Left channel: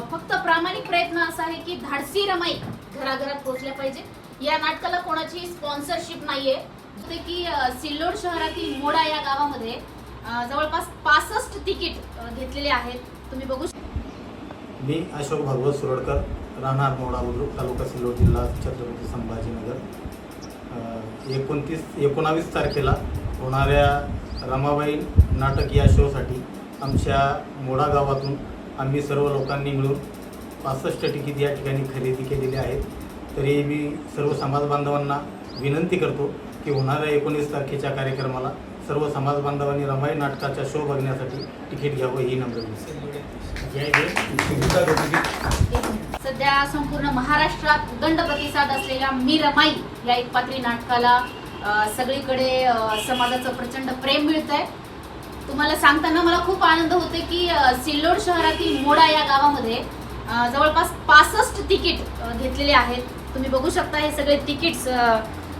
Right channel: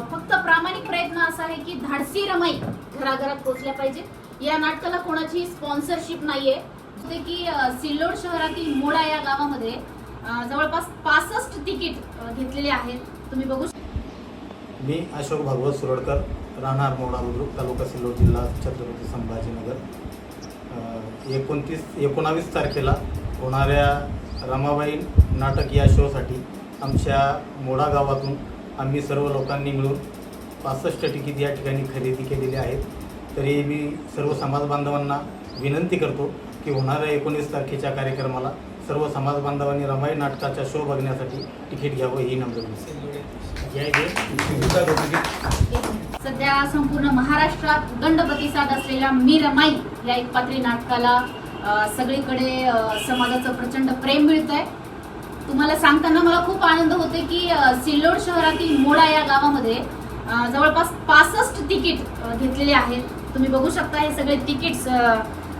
फक्त प्रामाणिक प्रयत्न असा आहे की धाडसी रमाई घराघरात पोहोचल्या पाहिजे या नाटकाला कोणाची स्पॉन्सरशिप नाहीये. ते की सिल्लोड शहरातील मोडा या गावामध्ये जवळपास पासष्ट तिकीट घेतलेले आहेत. तुम्ही बघू शकता मी अशोक भागवत सुरडकर राहणार मोडा बुद्रुक तालुका सिल्लोड जिल्हा छत्रपती संभाजीनगर. एकोणतीस एकोणावीस तारखेला होणाऱ्या रमाबाई नाटक या शोसाठी आमच्या मोडा गावातून आम्ही सर्व लोकांनी मिळून पासष्ट तिकीट या ठिकाणी खरेदी केलेली आहेत. तरी मी सर्व समाज बांधवांना विनंती करतो की होणाऱ्या एकोणीस तारखेच्या कार्यक्रमाला सर्व समाज बांधवांनी रमाई नाटकाचा शो बघण्यासाठी तिकीट घ्यावं ही नम्र विनंती. सध्या संपूर्ण महाराष्ट्रात दंड प्रतिसाद असलेल्या मी रमाई या एकपात्री नाटकाला सगळीकडे समाजाचं प्रचंड प्रेम मिळत आहे तुम्हाला सांगताना मला खूप आनंद होते की सिल्लोड शहरातील मोडा या गावामध्ये जवळपास पासष्ट तिकीट घेतलेले आहेत. तुम्ही बघू शकता हे सगळे तिकीट्स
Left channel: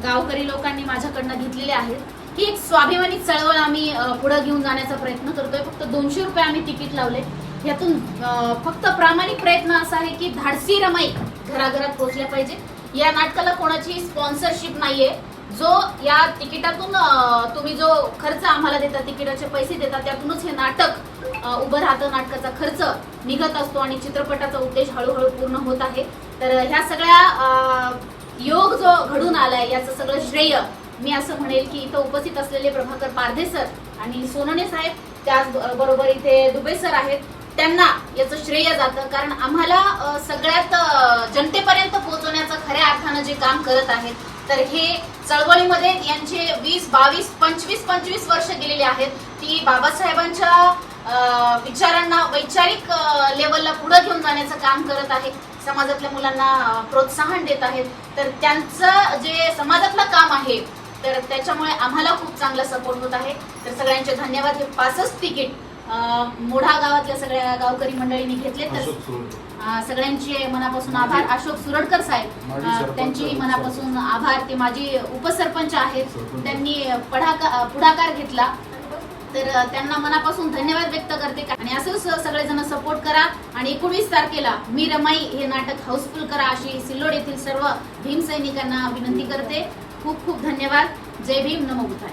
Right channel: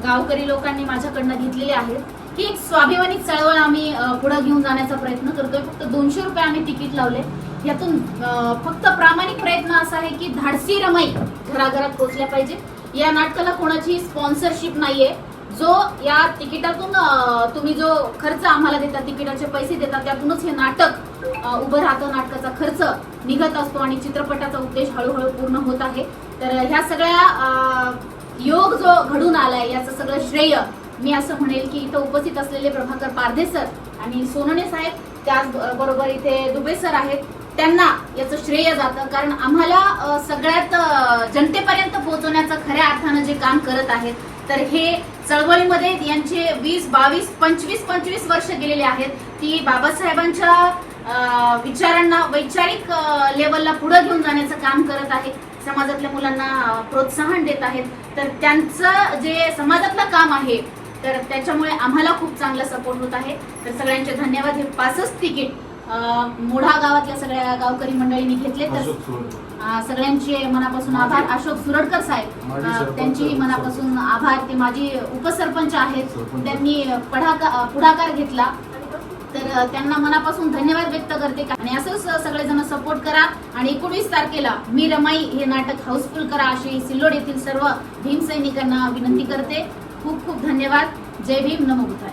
गावकरी लोकांनी माझ्याकडनं घेतलेले आहेत. ही एक स्वाभिमानिक चळवळ आम्ही पुढे घेऊन जाण्याचा प्रयत्न करतोय. फक्त दोनशे रुपये आम्ही तिकीट लावले. यातून फक्त प्रामाणिक प्रयत्न असा आहे की धाडसी रमाई घराघरात पोहोचल्या पाहिजे या नाटकाला कोणाची स्पॉन्सरशिप नाहीये. जो या तिकिटातून तुम्ही जो खर्च आम्हाला देता तिकिटाचे पैसे देता त्यातूनच हे नाटक उभं राहतं नाटकाचा खर्च निघत असतो आणि चित्रपटाचा उद्देश हळूहळू पूर्ण होत आहे. तर ह्या सगळ्या योग जो घडून आलाय याचं सगळं श्रेय मी असं म्हणेल की इथं उपस्थित असलेले प्रभाकर पारधे सर आणि सोनणे साहेब त्याचबरोबर इथे दुबे सर आहेत त्यांना याचं श्रेय जातं. कारण आम्हाला सगळ्यात जनतेपर्यंत पोहोचवण्याचं खऱ्या अर्थानं जे काम करत आहेत तर हे चळवळीमध्ये यांचे वीस बावीस पंचवीस पंचवीस वर्ष गेलेले आहेत. ती बाबासाहेबांच्या विचारांना वैचारिक लेवलला पुढे घेऊन जाण्याचं काम करत आहे समाजातल्या मुलांना प्रोत्साहन देत आहेत. तर त्यांचं जे समाजातलं काम आहे तर त्याच्यामुळे आम्हाला खूप चांगला सपोर्ट होत आहे. तर सगळ्यांचे धन्यवाद. हे पासच तिकीट मोढा गावातल्या सगळ्या गावकरी मंडळींनी घेतले. तर सगळ्यांचे मनापासून आभार. अशोक सुरडकर साहेब त्यांची मनापासून आभार. ते माझी उपसरपंच आहेत. त्यांनी पढाका- पुढाकार घेतला. तर त्यांना मनापासून धन्यवाद व्यक्त करते. आणि असंच सगळेजण सपोर्ट करा. आणि एकोणीस तारखेला मी रमाई हे नाटक हाऊसफुल करा अशी सिल्लोड येथील सर्व भीम सैनिकांना विनंती करते. खूप खूप धन्यवाद. जय भीम. नमो हिंद.